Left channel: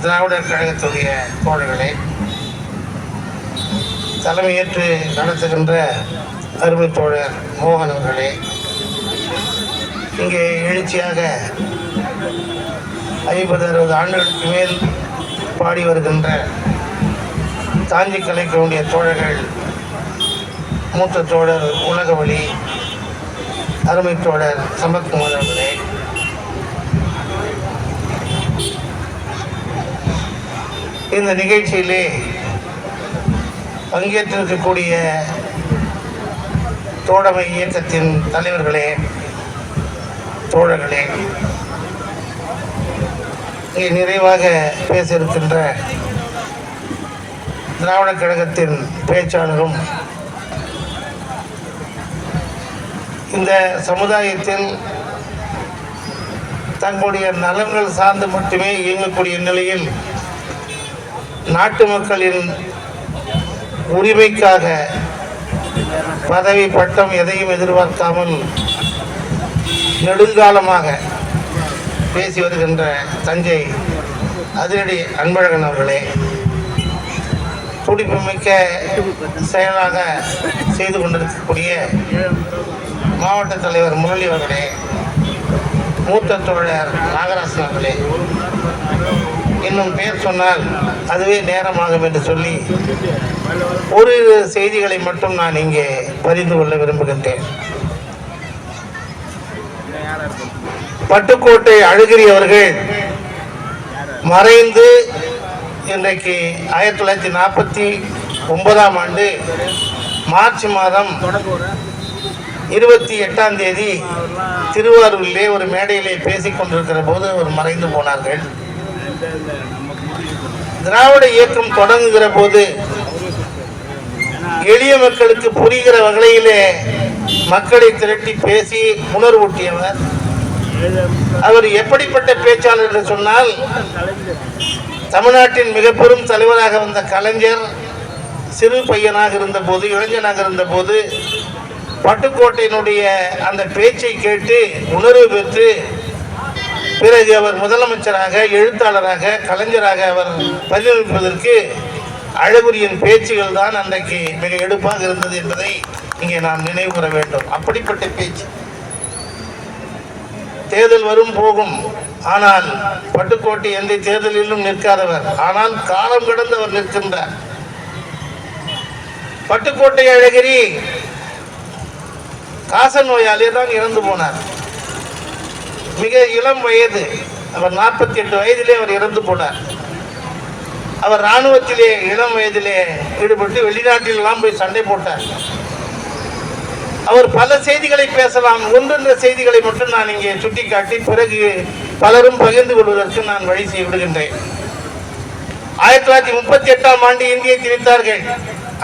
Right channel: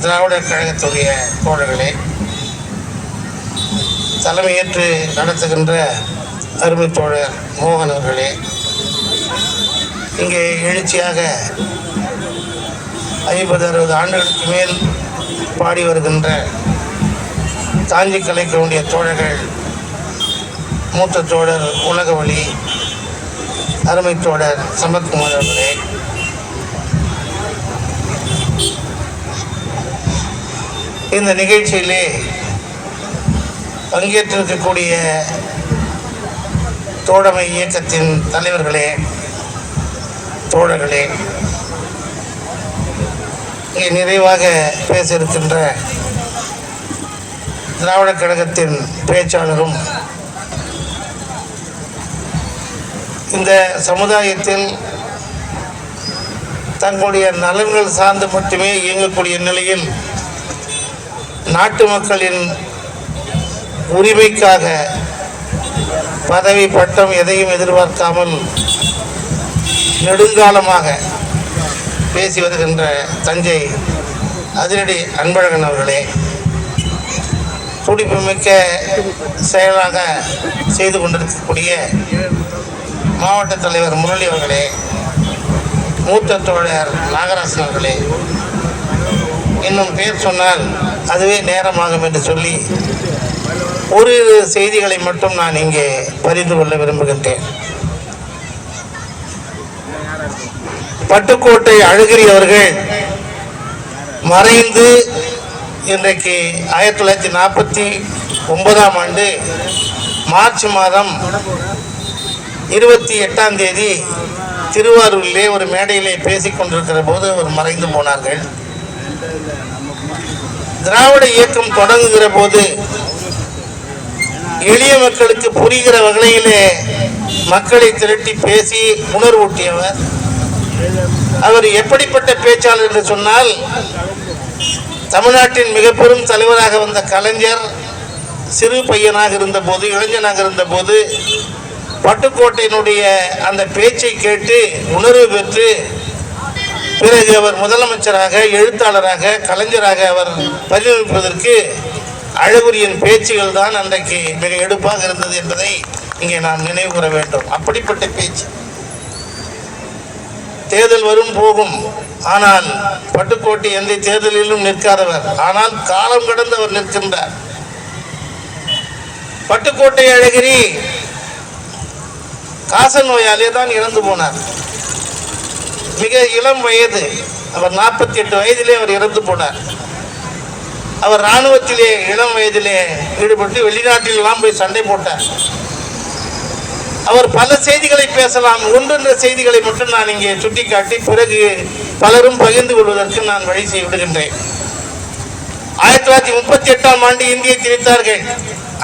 திராவிடர் கழகத்துடைய தோழர்களே, தலைமையேற்று நடத்துகின்ற அருமை தோழர் மோகன் அவர்களே, இங்கே எழுச்சியாக 50-60 ஆண்டுகளுக்கு மேல் பாடி வருகின்ற தாஞ்சி கலைக்கவுடைய தோழர்கள், மூத்த தோழர் உலகவழி அருமை தோழர் சம்பத்குமார் அவர்களே, இந்த நிகழ்ச்சியிலே பங்கேற்றிருக்கக்கூடிய தோழமை இயக்கத்தின் தலைவர்களே, தோழர்களே, இங்கே நிறைவாக பேச இருக்கின்ற திராவிடர் கழகத்தின் பேச்சாளரும் இந்த சமுதாயத்தில் தங்களுடைய நலன்கள் சார்ந்து மட்டுமே இயங்கக்கூடிய நிலையில் நாட்டு மக்களின் உரிமைக்காக பதவி பட்டம் எதையும் எதிர்பார்க்காமல் நெடுங்காலமாக பேசி வருகின்ற தஞ்சை அதிரடி அன்பழகன் அவர்களே, துடிப்புமிக்க செயலாக செய்து கொண்டிருக்கக்கூடிய மாவட்ட தலைவர் முரளி அவர்களே, மூத்த தோழர் நாகராசன் அவர்களே, இன்னும் பேர் சொன்னால் அதுவே நேரமாகும் என்று சொல்லி ஒரு செய்திகளை மட்டும் நான் இங்கே பகிர்ந்து கொள்ள விரும்புகின்றேன். பட்டுக்கோட்டை அழகிரி அவர்கள் மறைந்து இன்றைக்கு 1949ஆம் ஆண்டு மார்ச் மாதம் 28ஆம் தேதி திருவாரூரிலே ஒரு மேடையிலே பேசிக் கொண்டிருக்கிற போது அவர் மறைந்து போனார்கள். திராவிட இயக்கம் தொடங்குகிற போது எளிய மக்களுக்கு புரிகிற வகையிலே மக்களை திரட்டி பேசி உணர்வூட்டியவர். அவர் எப்படிப்பட்ட பேச்சாளர் என்று சொன்னால், தமிழ்நாட்டின் மிக பெரும் தலைவராக வந்த கலைஞர் சிறு பையனாக இருந்த போது, இளைஞனாக இருந்த போது, பட்டுக்கோட்டையினுடைய அந்த பேச்சை கேட்டு உணர்வு பெற்று பிறகு அவர் முதலமைச்சராக, எழுத்தாளராக, கலைஞராக அவர் பரிணமிப்பதற்கு அழகுரியின் பேச்சுகள் தான் அன்றைக்கு மிக எடுப்பாக இருந்தது என்பதை இங்கே நாம் நினைவு கூற வேண்டும். அப்படிப்பட்ட பேச்சு. தேர்தல் வரும் போகும், ஆனால் பட்டுக்கோட்டை எந்த தேர்தலிலும் நிற்காதவர், ஆனால் காலம் கடந்து அவர் நிற்கின்றார். பட்டுக்கோட்டை அழகிரி காச நோயாலே தான் இறந்து போனார். மிக இளம் வயது, அவர் 48 வயதிலே அவர் இறந்து போனார். அவர் இராணுவத்திலே இளம் வயதிலே ஈடுபட்டு வெளிநாட்டில் எல்லாம் போய் சண்டை போட்டார். அவர் பல செய்திகளை பேசலாம், ஒன்றென்ற செய்திகளை மட்டும் நான் இங்கே சுட்டிக்காட்டி பிறகு பலரும் பகிர்ந்து கொள்வதற்கு நான் வழி செய்ய விடுகின்றேன். 1938ஆம் ஆண்டு இந்தியை திணித்தார்கள்.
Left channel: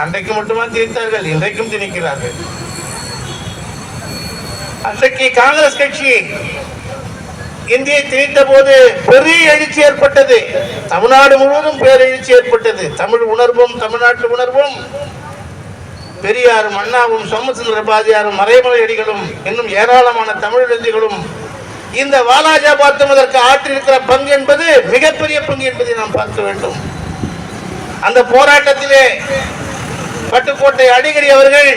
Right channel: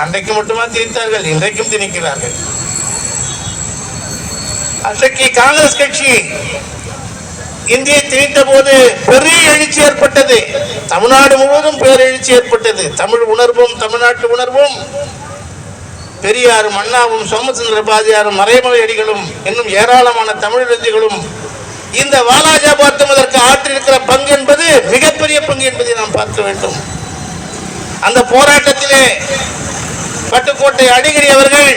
அன்றைக்கு மட்டுமா திணித்தார்கள், இன்றைக்கும் திணிக்கிறார்கள். அன்றைக்கு காங்கிரஸ் கட்சி இந்தியை திணித்த போது பெரிய எழுச்சி ஏற்பட்டது. தமிழ்நாடு முழுவதும் பேரெழுச்சி ஏற்பட்டது. தமிழ் உணர்வும், தமிழ்நாட்டு உணர்வும், பெரியாரும் அண்ணாவும் சோமசுந்தர பாரதியாரும் மறைமலை அடிகளும் இன்னும் ஏராளமான தமிழறிஞர்களும் இந்த வாலாஜாபாத் அதற்கு ஆற்றிருக்கிற பங்கு என்பது மிகப்பெரிய பங்கு என்பதை நாம் பார்க்க வேண்டும். அந்த போராட்டத்திலே பட்டுக்கோட்டை அழகிரி அவர்கள்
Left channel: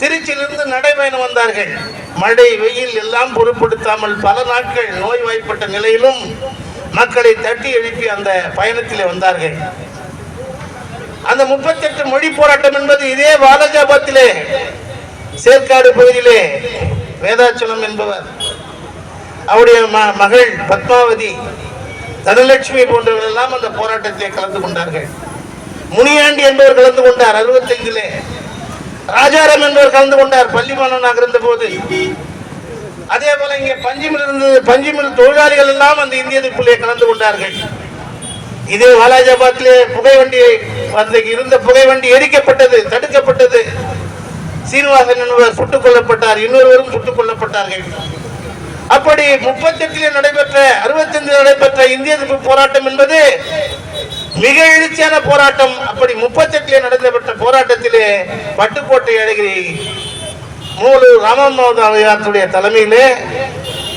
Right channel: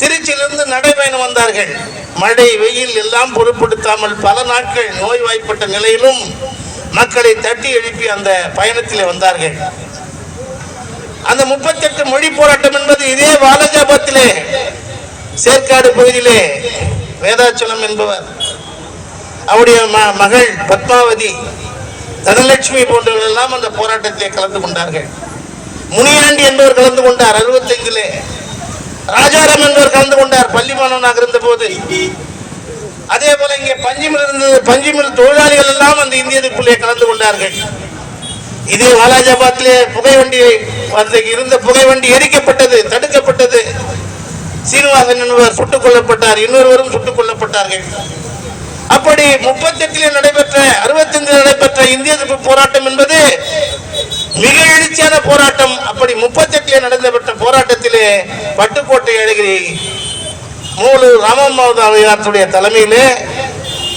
திருச்சியிலிருந்து நடைபயணம் வந்தார்கள். மழை வெயில் எல்லாம் பொருட்படுத்தாமல் பல நாட்கள் நோய்வாய்ப்பட்ட நிலையிலும் மக்களை தட்டி எழுப்பி அந்த பயணத்திலே வந்தார்கள். அந்த 38 மொழி போராட்டம் என்பது இதே வாலாஜாபாத்திலே சேர்க்காடு பகுதியிலே வேதாச்சலம் என்பவர், அவருடைய மகள் பத்மாவதி, தனலட்சுமி போன்றவர்கள் எல்லாம் அந்த போராட்டத்திலே கலந்து கொண்டார்கள். முனியாண்டி என்பவர் கலந்து கொண்டார் 65லே. ராஜாராம் என்பவர் கலந்து கொண்டார் பள்ளி மாணவனாக இருந்த போது. அதே போல இங்கே பஞ்சுமில் தொழிலாளிகள் எல்லாம் அந்த இந்திய எதிர்ப்பிலே கலந்து கொண்டார்கள். இதே வாலாஜாபாத்திலே புகைவண்டி இருந்த புகைவண்டி எரிக்கப்பட்டது, தடுக்கப்பட்டது. சீனிவாசன் என்பவர் சுட்டுக் கொல்லப்பட்டார், இன்னொருவரும் சுட்டுக் கொல்லப்பட்டார்கள். அப்படி 38 நடைபெற்ற 65 நடைபெற்ற இந்திய எதிர்ப்பு போராட்டம் என்பது மிக எழுச்சியான போராட்டம். அப்படி 38 நடந்தப்பட்ட போராட்டத்திலே பட்டுக்கோட்டை அழகிரி மூலூர் ராமமோகன் தலைமையிலே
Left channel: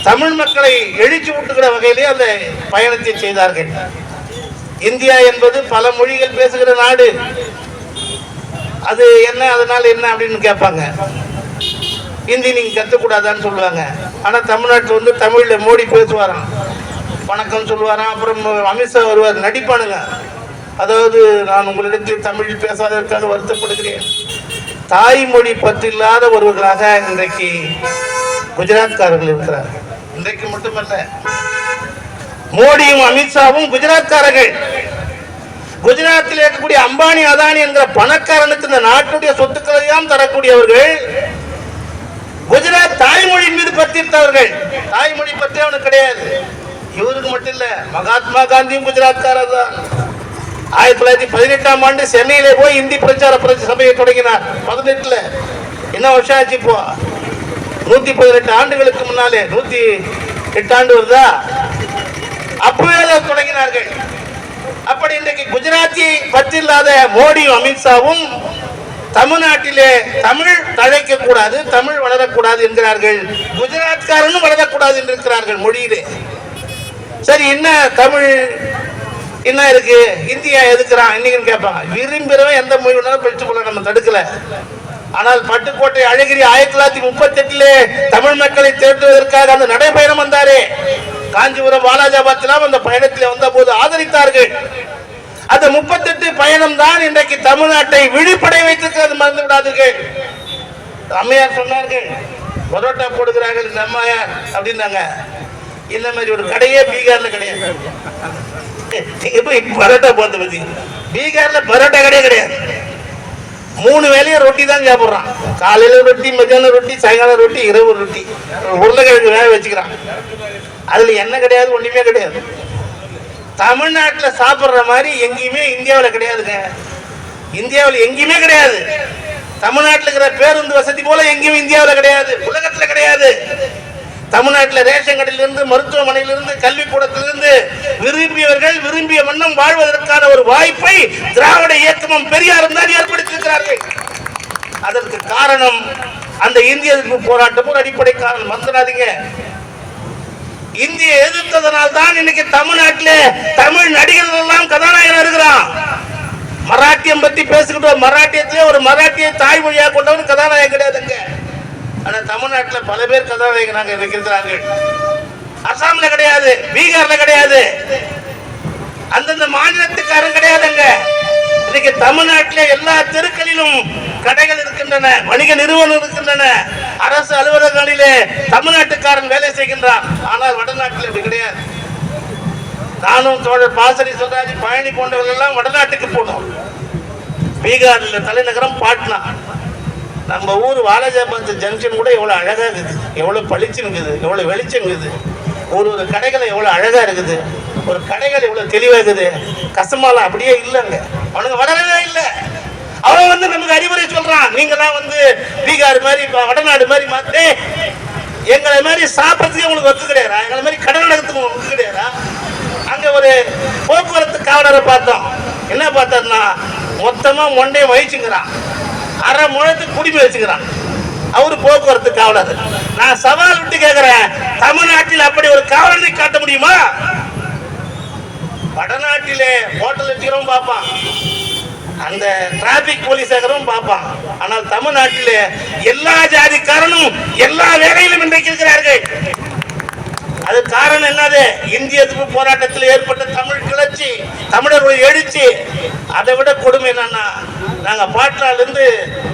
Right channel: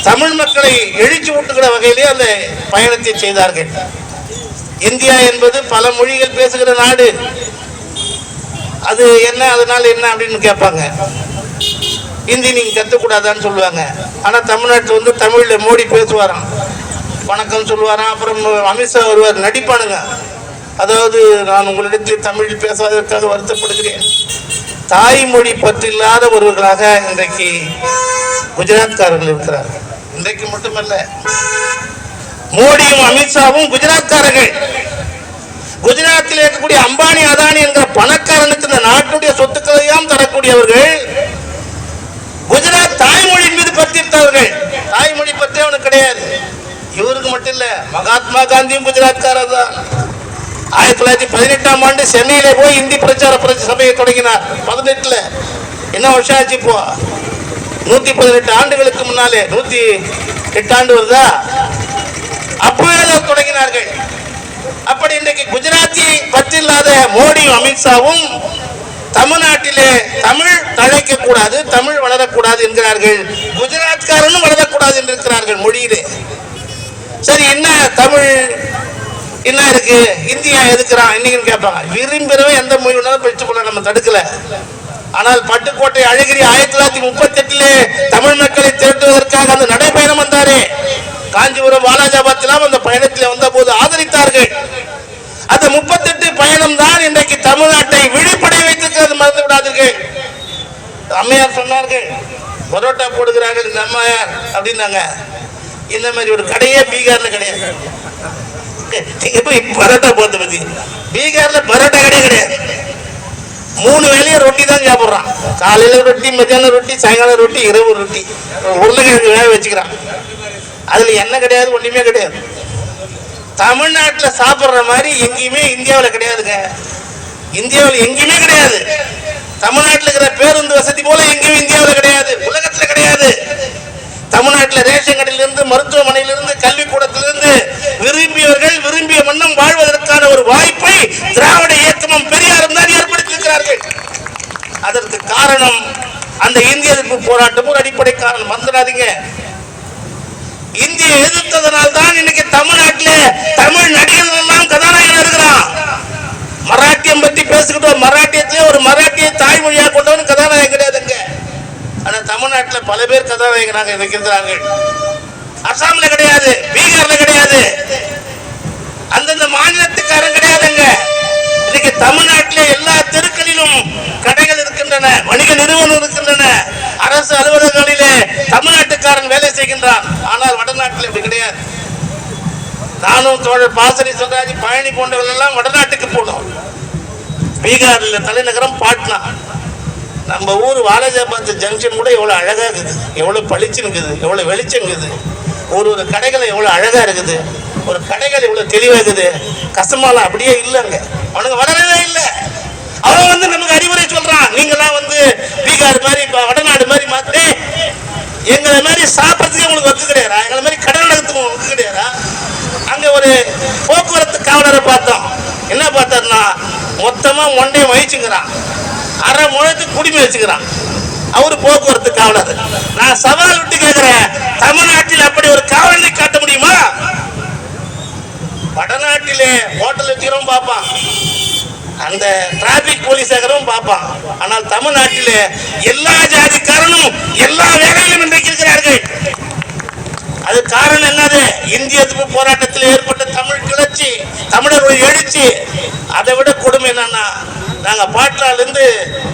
தமிழ் மக்களை எழுச்சி ஊட்டுகிற வகையிலே அந்த பயணத்தை செய்தார்கள். இந்தியா என்பது பல மொழிகள் பேசுகிற நாடு. அது என்ன, அதனால என்ன அப்படின்னு கேட்பாங்க. ஹிந்தி நீங்க கத்துக்கூடாதான்னு சொல்லுவாங்க. ஆனா தமிழ்நாட்டில் வந்து தமிழ்ல மோடி பேசுவாராம், வணக்கம் சொல்லுவாராம். அப்புறம் அமித்ஷா வருவார், நடிப்பானுங்க. அதாவது நான் உங்களிடத்தில் தமிழ் பேசாததற்காக வருத்தப்படுகிறேன். தாய்மொழி பற்றில்லாத ஒருவர்களாக இன்றைக்கு குஜராத்காரர்கள் இருக்கிறார். இன்றைக்கு மட்டுமல்ல, மோடியும் அமித்ஷாவும் குஜராத்காரர்கள். குஜராத்தில் இருக்கக்கூடிய அம்பானி அதானி என்ற பணக்காரனுக்கு இந்த நாட்டுடைய சொத்துக்களையும் தரக்கூடியவர்கள் குஜராத் தாய்மொழியின் மீது பற்றிருந்தவர்கள். தாய்மொழி பற்றி அவனுக்கு கிடையாது. இவருக்கு மட்டும் இல்ல, மகாத்மா காந்தியும் குஜராத்காரர் தான். 1918ஆம் ஆண்டு சென்னையில போய் இந்தி பிரச்சார சபையை தொடங்கினார். 18ல என்ன வருஷம் ஆச்சு இப்போ? 118 ஆண்டுகளுக்கு முன்னாலே 108 ஆண்டு வருதா? அப்பவே தொடங்கினார்கள். அப்படி இன்றைக்கு குஜராத்தியை பற்றில்லாத மோடியும் அமித்ஷாவும் தமிழ்நாட்டிலே தமிழ் தழைக்க கூடாது, தமிழ் வளரக்கூடாது என்கிறார்கள். குஜராத்காரனும் வளரக்கூடாது என்று இருக்கிறார்கள் மொழியிலே. சரி, என்ன தமிழ் என்ன இருக்கு, இந்தியா எதுக்குறான் இன்னைக்கு கேட்பாங்க. விரும்புகிறவன் எந்த மொழி வேணாலும் பேசிக்கொள்ள நம்ம தடுக்கல. ஆனால் பட்டுக்கோட்டை அழகிரி 1938 தமிழ் மக்களை திரட்டுவதற்காக அந்த நடைபயணம் வந்தாரே, காஞ்சிபுரம் வாலாஜாபாத்திலாம் அந்த பயணத்தில் வந்த போது ஆதரித்தார்கள். அந்த 38 பயணம் தான் இன்றைக்கு தமிழ்நாட்டை விழிப்படை வைத்திருக்கிறது, மறந்து விடாதீர்கள். அம்மையார் சொன்னார்கள், பரோட்டா போடுகிறார்கள் இந்த அம்மையார் அப்படின்னாங்க. இந்த மாதிரி ஒரு கடையே பீகார்ல கிடையாது. பரோட்டா போட்டு பத்தி பீகார்ல பரோட்டா கிடையாது கிடையாது. 3 வேளையும் ரொட்டி தான் சாப்பிடுறான். காலையில ரொட்டி, மத்தியானம் ரொட்டி, சாயங்காலம் ரொட்டி, இரவு ரொட்டி. உருளைக்கிழங்கு வேக வச்சுக்கிறான். அதுல என்ன கிடையாது, ஒண்ணுமே கிடையாது. தமிழ்நாட்டில் சாப்பிடுற மாதிரி எங்கேயுமே இந்தியாவில் கிடையாதுங்க. இந்தியாவில் எங்கேயுமே கிடையாது. தமிழ்நாட்டில் இருக்கிற பேருந்து வசதி போல எங்கேயும் இந்தியாவில் கிடையாது, உலகத்துல கிடையாது. தமிழ்நாட்டில் ரேஷன் கடையிலிருந்து, மருத்துவமனையிலிருந்து, கல்விக்கூடத்திலிருந்து விரும்பியவர்கள் விரும்பிய வண்ணம் வாழ்வதற்கான ஒரு வாய்ப்பை திராவிட இயக்கமும் பெரியாரும் தான் ஏற்படுத்தியிருக்கிறார்கள். அதற்கு காரணம் அந்த இந்திய எதிர்ப்பு போராட்டமும் அடிப்படை காரணம். மறந்துடாதீங்க. இந்திய எதிர்த்ததனால் தான் இன்னைக்கு தமிழ்நாட்டிலே தமிழ் நடிகர்கள் எல்லாம் கதாநாயகன் இருக்கிறான். மராட்டியம் பத்தி பேசிக்கிட்டோம். மராட்டியத்திலே ஒரு மராட்டிய தாய்மொழியா கொண்டவன் கதாநாயகன் கிடையாதுங்க. ஆனா தமிழ்நாட்டில் பல பேர் கதாநாயகனாக இருக்கிறார்கள். அசாம்ல கிடையாது, பீகார்ல கிடையாது, அந்தந்த மாநிலத்துக்காரன் கிடையாதுங்க. இன்னைக்கு தமிழ்நாட்டிலே எல்லா தெருக்களிலும் கடைகள் இருக்கின்றன, வணிக நிறுவனம் இருக்கின்றன, அரசு அலுவலகங்களிலே தமிழ்நாட்டுக்காரன் வேலை செய்கின்றான். ஆனால் வடநாட்டில் இப்படி கிடையாது. நானும் தோழர் பாசறை சொல்றாஜி, பழனி போன்றவர்கள் எல்லாம் வடநாட்டுக்கு போனோம். பீகாரில் தலைநகரம் பாட்னா. நம்ம ஊர் வாலாஜாபாத் ஜங்ஷன் கூட எவ்வளவு அழகா இருக்குது, எவ்வளவு பளிச்சு இருக்குது, எவ்வளவு வெளிச்சம் இருக்குது. ஒரு கடைகளை எவ்வளவு அழகா இருக்குது, ஒரு கடைகள் எவ்வளவு தெளிவா இருக்குது. கசமால அப்படியே இல்லைங்க, அவனுக்கு வளரவே இல்லை. அவன் வந்து நமக்கு அறிவுரை சொல்றான், நீங்களாம் வந்து பீகார் மாதிரி வடநாடு மாதிரி மாத்தி எங்களை மாதிரி சாப்பிட்றதுக்கு உங்களுக்கு ஒத்து கிடையாதா, எங்களை மாதிரி கடல் நடத்துக்கு ஒத்து கிடையாதா. அங்க ஒரு போக்குவரத்து காவலரை பார்த்தோம். என்ன பார்த்தாருன்னா, மொத்தமா மொண்டையை வகிச்சுங்கிறான், அரை முழத்துக்கு குடிமை வச்சுக்கிறான். அவரு போக்குவரத்து காவலர். நான் சவால் விட்டு கேட்கிறேன், தமிழ்நாட்டில் அப்படி ஒரு காவலனை காட்ட முடியுமா? வடநாட்டிலே ஹோட்டல் வச்சுக்கிறோம் பார்ப்பான், அந்த டிராபிக் போலீஸாகவும் பார்ப்பான். ஆனால் தமிழ்நாட்டிலே எல்லா ஜாதிக்காரனும் எல்லா வேலையிலும் இன்றைக்கு இருக்கிறார்கள். அது காரணம் என்னது? இந்திய எதிர்ப்பு போராட்டத்தில் ஏற்பட்ட தமிழ் கிளர்ச்சி, தமிழர் எழுச்சி. அதை விட கொடுமை என்னன்னா, நாங்க பாட்னால இருந்து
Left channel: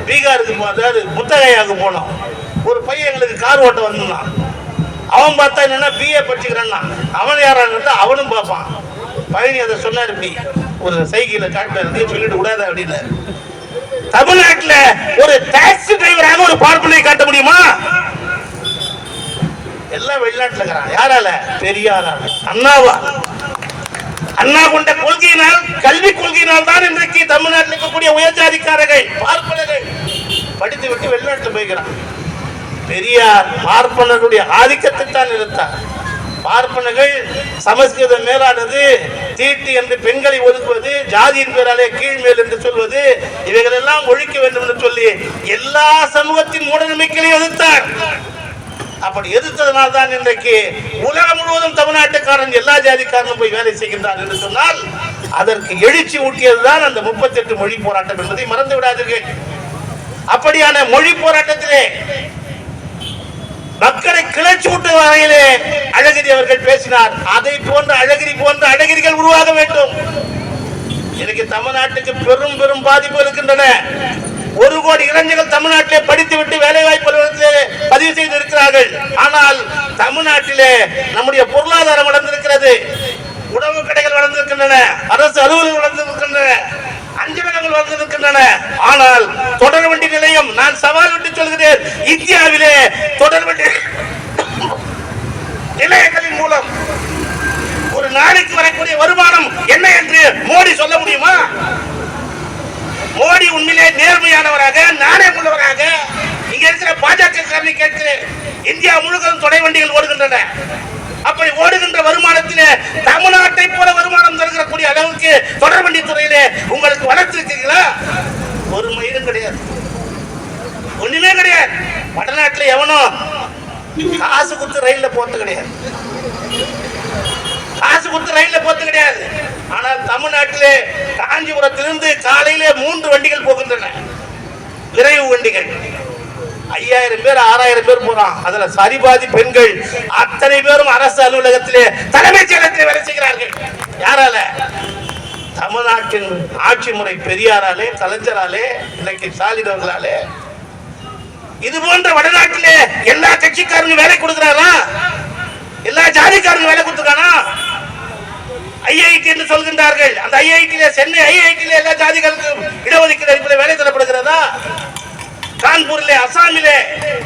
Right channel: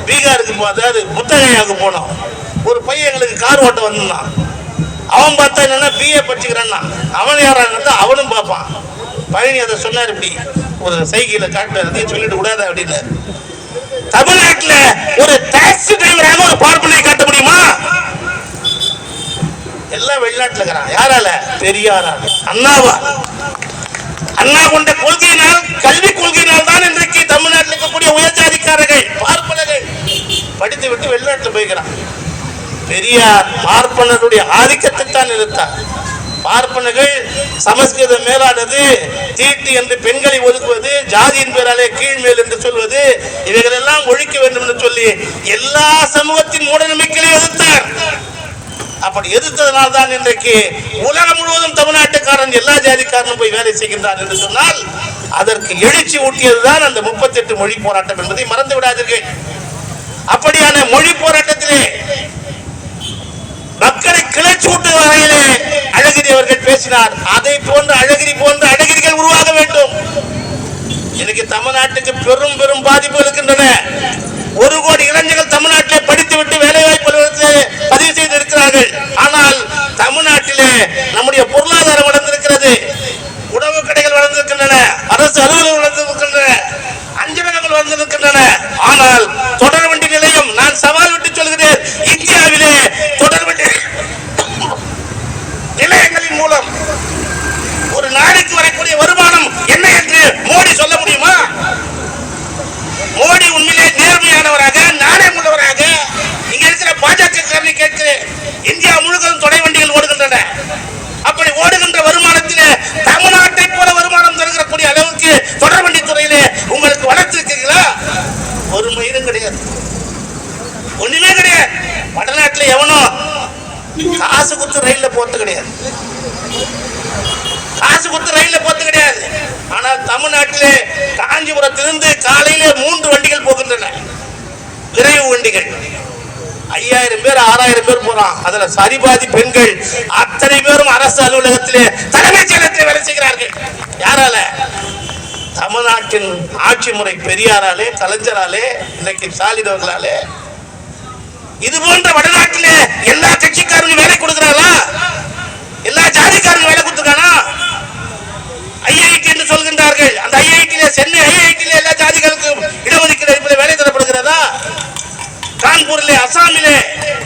பீகாருக்கு அதாவது புத்தகையாவுக்கு போனோம். ஒரு பையன் எங்களுக்கு கார் ஓட்ட வந்தான். அவன் பார்த்தா என்னன்னா பிஏ படிச்சுக்கிறான்னா, அவன் யாரான்னு அவனும் பார்ப்பான். பழனி அதை சொன்னார், இப்படி ஒரு சைக்கிளை காட்டு சொல்லிட்டு விடாத அப்படின்னு. தமிழ்நாட்டில் ஒரு டாக்ஸி டிரைவராக ஒரு பார்ப்பனை காட்ட முடியுமா? எல்லாம் வெளிநாட்டில் இருக்கிறான். யாரால? பெரியாரால், அண்ணாவா. அண்ணா கொண்ட கொள்கையினால், கல்வி கொள்கையினால் தான் இன்றைக்கு தமிழ்நாட்டில் இருக்கக்கூடிய உயர்ஜாதிக்காரர்கள் பார்ப்பனர்கள் படித்து விட்டு வெளிநாட்டில் போய்கிறான். பெரியார் பார்ப்பனருடைய ஆதிக்கத்தை தான் நிறுத்தார். பார்ப்பனர்கள் சமஸ்கிருதம் மேலானது, தீட்டு என்று பெண்களை ஒதுக்குவது, ஜாதியின் பேராலே கீழ்மேல் என்று சொல்வது, இவைகள் எல்லாம் ஒழிக்க வேண்டும் என்று சொல்லி எல்லா சமூகத்தின் மூட நம்பிக்கையை எதிர்த்தார். அப்படி எதிர்த்ததனால் தான் இன்றைக்கு உலகம் முழுவதும் தமிழ்நாட்டுக்காரன் எல்லா ஜாதிக்காரனும் போய் வேலை செய்கின்றார் என்று சொன்னால் அதற்கு எழுச்சி ஊட்டியதுதான் அந்த 38 மொழி போராட்டம் என்பதை மறந்து விடாதீர்கள். அப்படியான மொழி போராட்டத்திலே மக்களை கிளர்ச்சி ஊட்டும் வகையிலே அழகிரி அவர்கள் பேசினார். அதை போன்ற அழகிரி போன்ற அழகிரிகள் உருவாக வேண்டும். இன்னைக்கு தமிழ்நாட்டுக்கு பெரும் பெரும் பாதிப்பு இருக்கின்றன. 1 கோடி இளைஞர்கள் தமிழ்நாட்டிலே படித்துவிட்டு வேலை வாய்ப்பு பதிவு செய்திருக்கிறார்கள். ஆனால் தமிழ்நாட்டிலே நம்முடைய பொருளாதாரம் வளர்ந்திருக்கிறது, உணவு கடைகள் வளர்ந்திருக்கின்றன, அரசு அலுவலகங்கள் வளர்ந்திருக்கின்றன, அஞ்சலகங்கள் வளர்ந்திருக்கின்றன. ஆனால் தொடர்வண்டி நிலையம், நான் சவால் விட்டு சொல்கிறேன், இந்தியாவிலே தொடர்வண்டி நிலையங்களின் மூலம் ஒரு நாளைக்கு வரக்கூடிய வருமானம் என்ன என்று மோடி சொல்ல முடியுமா? மோடி உண்மையிலே நேர்மையானவராக நாணயம் உள்ளவராக இங்க இருக்கிற பாஜக கேட்கிறேன். இந்தியா முழுவதும் தொடர் வண்டிகள் ஓடுகின்றன. அப்படி ஓடுகின்ற வருமானத்திலே தமிழ்நாட்டை போல வருமானம் தருகிறக்கூடிய அளவுக்கு தொடர் வண்டி துறையிலே உங்களுக்கு வளர்த்திருக்கீங்களா? ஒரு மயிலும் கிடையாது, ஒண்ணுமே கிடையாது. வடநாட்டில் எவனும் காசு கொடுத்து ரயில்ல போறது கிடையாது, காசு கொடுத்து ரயில்ல போறது கிடையாது. ஆனால் தமிழ்நாட்டிலே காஞ்சிபுரத்திலிருந்து காலையிலே 3 வண்டிகள் போகின்றன, விரைவு வண்டிகள். 5000 பேர் 6000 பேர் போறான். அதுல சரிபாதி பெண்கள். அத்தனை பேரும் அரசு அலுவலகத்திலே தலைமைச் செயலகத்தில் வேலை செய்கிறார்கள். யாரால? தமிழ்நாட்டின் ஆட்சி முறை பெரியாராலே, கலைஞராலே, இன்னைக்கு ஸ்டாலின் அவர்களாலே. இது போன்ற வடநாட்டிலே எல்லா கட்சிக்காரங்க வேலை கொடுக்கிறாரா? எல்லா ஜாதிக்காரங்க வேலை கொடுத்துருக்கானா? ஐஐடி என்று சொல்கின்றார்கள். அந்த ஐஐடியில, சென்னை ஐஐடியில எல்லா ஜாதிகளுக்கும் இடஒதுக்கீடு வேலை தரப்படுகிறதா? கான்பூரிலே, அசாமிலே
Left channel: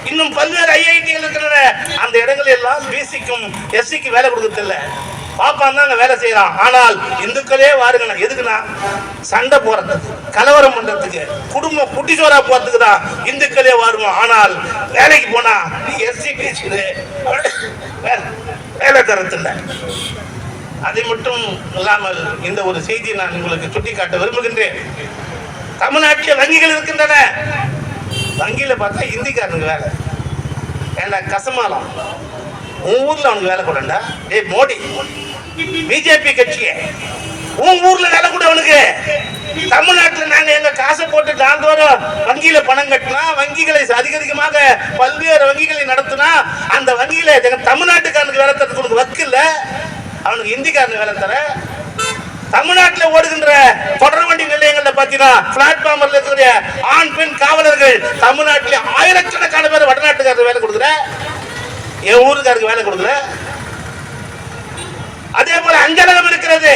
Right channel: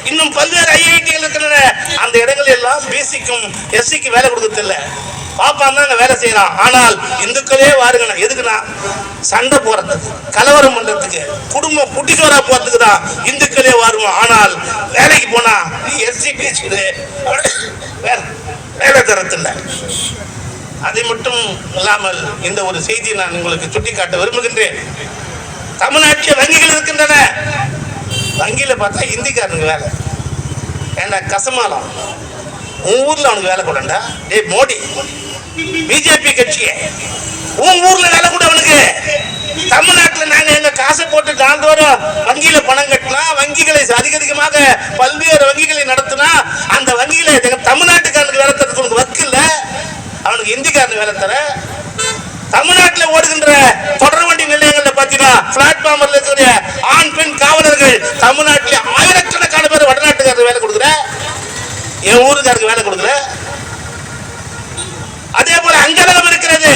இன்னும் பல்வேறு ஐஐடிகள் இருக்கின்றன. அந்த இடங்கள் எல்லாம் பிசிக்கும் எஸ்சிக்கு வேலை கொடுக்கறதில்ல. பாப்பான் தான் வேலை செய்யறான். ஆனால் இந்துக்களே வாருங்க. எதுக்குன்னா சண்டை போறதுக்கு, கலவரம் பண்றதுக்கு, குடும்பம் குட்டிச்சோரா போறதுக்கு தான் இந்துக்களே வாருவோம். ஆனால் வேலைக்கு போனா எஸ்சி பிசி வேலை தரத்தில்லை. அதை மட்டும் இல்லாமல் இந்த ஒரு செய்தியை நான் உங்களுக்கு சுட்டிக்காட்ட விரும்புகின்றேன். தமிழ்நாட்டில் வங்கிகள் இருக்கின்றன. வங்கியில பார்த்தா இந்திக்காரனுக்கு வேலை. ஏண்டா கசமாலம், உன் ஊர்ல அவனுக்கு வேலை கூடண்டா. ஏய் மோடி, பிஜேபி கட்சியே, உன் ஊர்ல வேலை கூட அவனுக்கு. தமிழ்நாட்டில் நாங்க எங்க காசை போட்டு நாள்தோறும் வங்கியில பணம் கட்டினா, வங்கிகளை அதிகமாக பல்வேறு வங்கிகளை நடத்தினா, அந்த வங்கியில தமிழ்நாட்டுக்காரனுக்கு வேலை தரத்துக்கு வக்கு இல்ல, அவனுக்கு இந்திக்காரனுக்கு வேலை தர. தமிழ்நாட்டில் ஓடுகின்ற தொடர் வண்டி நிலையங்கள்ல பாத்தீங்கன்னா பிளாட்ஃபார்ம்ல இருக்கிற ஆண் பெண் காவலர்கள் தமிழ்நாட்டில் ஆயிரக்கணக்கான பேர் வடநாட்டுக்காரருக்கு வேலை கொடுக்குற, என் ஊருக்காருக்கு வேலை கொடுக்குற. அதே போல அஞ்சலகம் இருக்கிறது.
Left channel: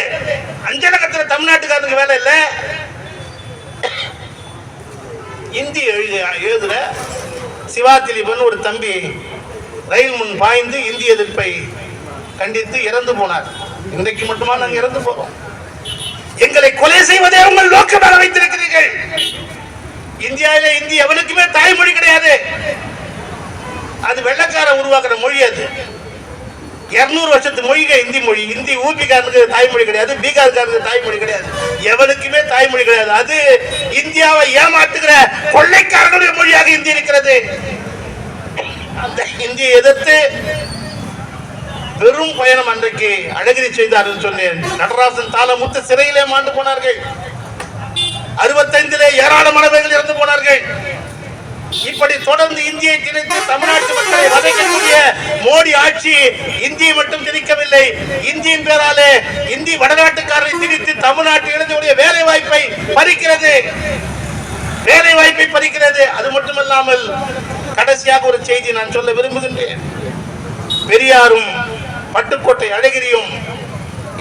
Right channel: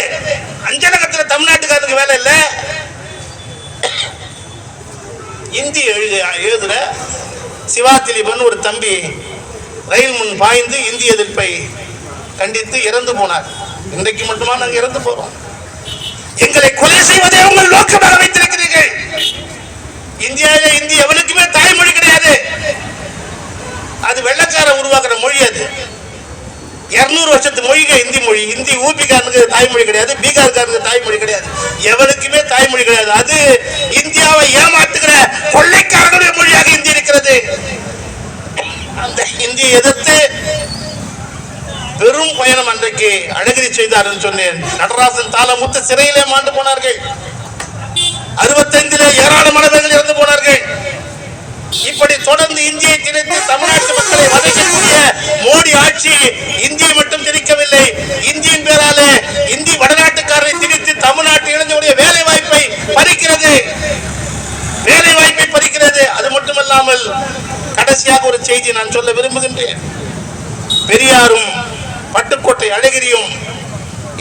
அஞ்சலகத்தில் தமிழ்நாட்டுக்காரருக்கு வேலை இல்லை. இந்தி எழுதுற சிவா திலீபன் ஒரு தம்பி ரயில் முன் பாய்ந்து இந்திய எதிர்ப்பை கண்டித்து இறந்து போனார். இன்றைக்கு மட்டுமா நாங்கள் இறந்து போறோம்? எங்களை கொலை செய்வதே உங்கள் நோக்கமாக வைத்திருக்கிறீர்கள். இந்தியாவில இந்தி எவனுக்குமே தாய்மொழி கிடையாது. அது வெள்ளக்கார உருவாக்குற மொழி. அது 200 வருஷத்து மொழிகள் இந்தி மொழி. இந்தி ஊபிக்காரனுக்கு தாய்மொழி கிடையாது, பீகார்காரனுக்கு தாய்மொழி கிடையாது, எவனுக்குமே தாய்மொழி கிடையாது. அது இந்தியாவை ஏமாற்றுகிற கொள்ளைக்காரனுடைய மொழியாக இந்தி இருக்கிறது. அந்த இந்தியை எதிர்த்து பெரும் பயணம் அன்றைக்கு அழகிரி செய்தார் என்று சொன்னேன். நடராசன் தாளமுத்து சிறையிலே மாண்டு போனார்கள். 65 ஏராளமானவர்கள் இறந்து போனார்கள். இப்படி தொடர்ந்து இந்தியை திணித்து தமிழ்நாட்டு மக்களை வதைக்கக்கூடிய மோடி ஆட்சி இந்தியை மட்டும் திணிக்கவில்லை. இந்தியின் பேராலே இந்தி வடநாட்டுக்காரரை திணித்து தமிழ்நாட்டு இளைஞருடைய வேலை வாய்ப்பை பறிக்கிறது, வேலை வாய்ப்பை பறிக்கிறது. அது மட்டுமல்லாமல் கடைசியாக ஒரு செய்தி நான் சொல்ல விரும்புகின்றேன். பெரியாரும் பட்டுக்கோட்டை அழகிரியும்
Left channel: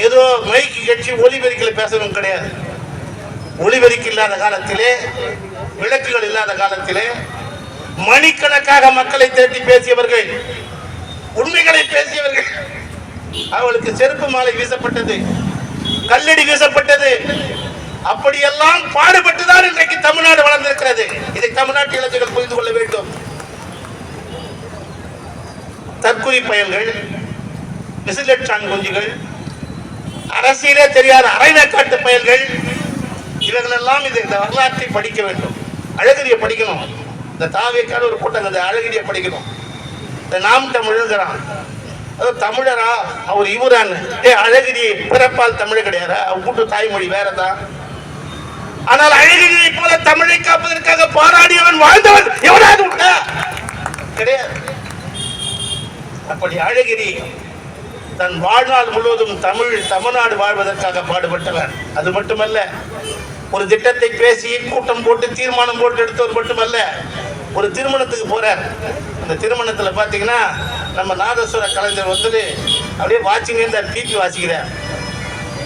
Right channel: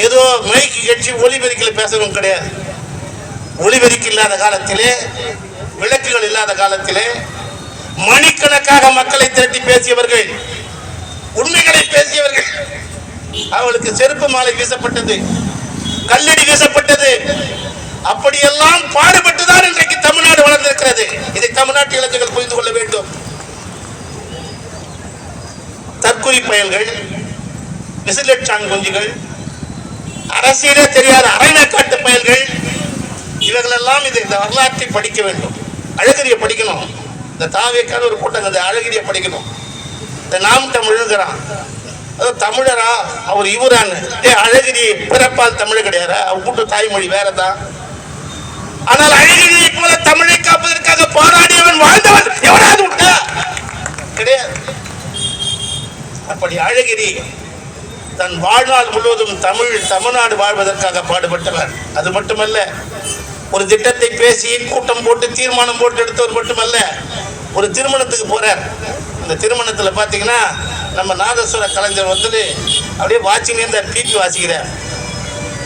ஏதோ மைக்கு கட்சி ஒலிபெருக்கில் பேசவும் கிடையாது. ஒலிபெருக்கி இல்லாத காலத்திலே, விளக்குகள் இல்லாத காலத்திலே மணிக்கணக்காக மக்களை திரட்டி பேசியவர்கள், உண்மைகளை பேசியவர்கள். அவளுக்கு செருப்பு மாலை வீசப்பட்டது, கல்லடி வீசப்பட்டது. அப்படியெல்லாம் பாடுபட்டுதான் இன்றைக்கு தமிழ்நாடு வளர்ந்திருக்கிறது. இதை தமிழ்நாட்டு இளைஞர்கள் புரிந்து கொள்ள வேண்டும். தற்கொலை பயல்கள், விசிலட்சாங் குஞ்சுகள், அரசியலே தெரியாத அரைநாக்காட்டு பயல்கள், இவர்களெல்லாம் இந்த வரலாற்றை படிக்க வேண்டும். அழகிரியை படிக்கணும். இந்த தாவேக்கான ஒரு கூட்டம் அழகிரியை படிக்கணும். இந்த நாம் தமிழுங்கிறான். தமிழரா அவர் இவரான்னு. அழகிரி பிறப்பால் தமிழ் கிடையாது, அவர் கூட்டு தாய்மொழி வேறதான். ஆனால் அழகிரியை போல தமிழை காப்பதற்காக போராடியவன் வாழ்ந்தவன் எவனாவது உண்டா? கிடையாது. அப்படி அழகிரி தன் வாழ்நாள் முழுவதும் தமிழ்நாடு வாழ்வதற்காக பாடுபட்டவர். அது மட்டுமல்ல, ஒரு திட்டத்தை பேசி கூட்டம் போட்டு தீர்மானம் போட்டு எடுத்தவர் மட்டுமல்ல, ஒரு திருமணத்துக்கு போறார். இந்த திருமணத்துல பாத்தீங்கன்னா நம்ம நாதஸ்வர கலைஞர் வந்து அப்படியே வாட்சிங்க இந்த பிபி வாசிக்கிறார்.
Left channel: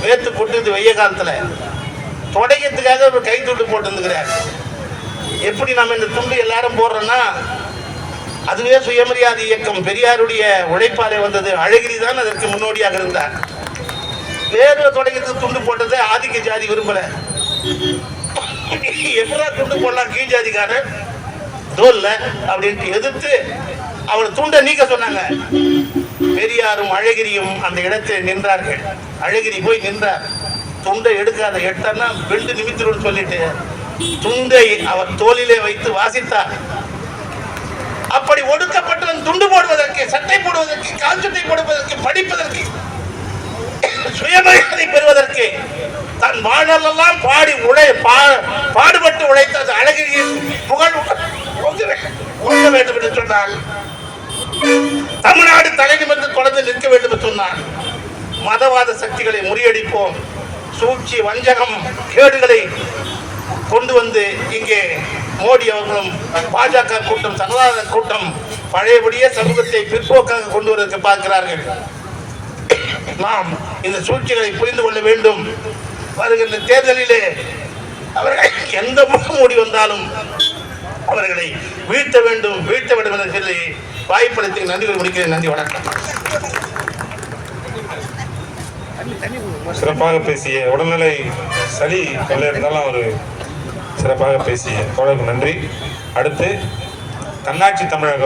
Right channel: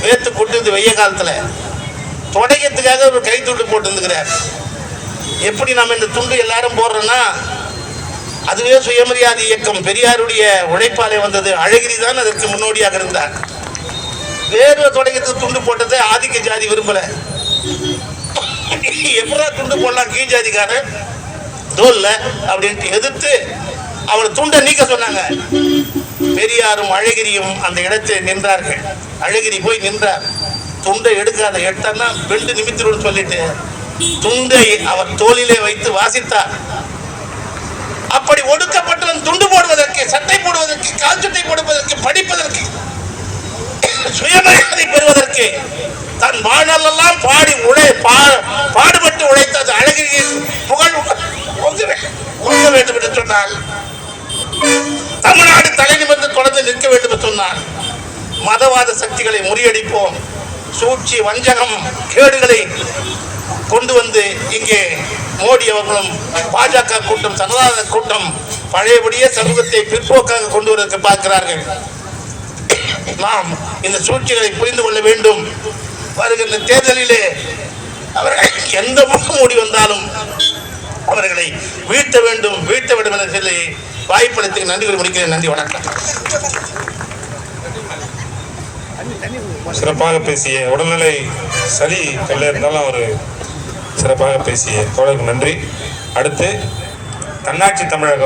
வேத்து போட்டு இந்த வெய்ய காலத்துல தொடக்கத்துக்காக ஒரு கை துண்டு போட்டு இருந்துக்கிறார். எப்படி நம்ம இந்த துண்டு எல்லாரும் போடுறோம்னா, அதுவே சுயமரியாதை இயக்கம் பெரியாருடைய உழைப்பாலே வந்தது. அழகிரி தான் அதற்கு முன்னோடியாக இருந்தார். வேறு தொடக்கத்துக்கு துண்டு போட்டதை ஆதிக்க ஜாதி விரும்பல. எப்படா துண்டு போடலாம் கீழ் ஜாதிக்காரன் தோல்ல அப்படின்ட்டு எதிர்த்து அவளை துண்டை நீக்க சொன்னாங்க. பெரியாரும் அழகிரியும் அந்த இடத்தில் நின்றார்கள். அழகிரி போய் நின்றார். துண்டை எடுக்காத, எடுத்தார்னா பெண்டு நிமித்திடும் சொல்லிட்டு துண்டை அவர் தோளிலே வைத்து வாசித்தார். அப்படி ஒடுக்கப்பட்டவன் துண்டு போடுவதற்கு, சட்டை போடுவதற்கு, கால் சட்டை போடுவதற்கு, படிப்பதற்கு, சுயமரியாதை பெறுவதற்கு தன் வாழ்நாளெல்லாம் பாடுபட்டு உழைத்த அழகிரியின் புகழ் ஓங்க வேண்டும் என்று சொன்னார். தமிழ்நாடு தலை நிமிர்ந்து தொடர்ந்து நிற்க வேண்டும் என்று சொன்னார். மதவாத சக்திகளை முறியடிப்போம், சூழ்ச்சி, வஞ்சகம், கேடுகளை கொண்டு வந்து இங்கே மோடி அவர்களும் பாஜக கூட்டம், சனாதன கூட்டம் பழையபடியே சமூகத்தை பிற்போக்காக கொண்டு வருவதற்கு பார்க்கிறார்கள். நாம் இந்த சூழ்ச்சிகளை புரிந்து கொள்ள வேண்டும். வருகின்ற தேர்தலிலே அவர்கள் எந்த முகமூடி வந்தாலும் அவர்களை வீழ்த்த வேண்டும் என்று சொல்லி வாய்ப்பளித்து நன்றி முடிக்கிறேன். நன்றி, வணக்கம். சிறப்பாக பேசிய, உடல்நிலை சளி தொல்லை இருந்தாலும் அவர் சிறப்பாக பேசிய தோழருக்கு நன்றி. அடுத்து தன்னாட்சி தமிழகம்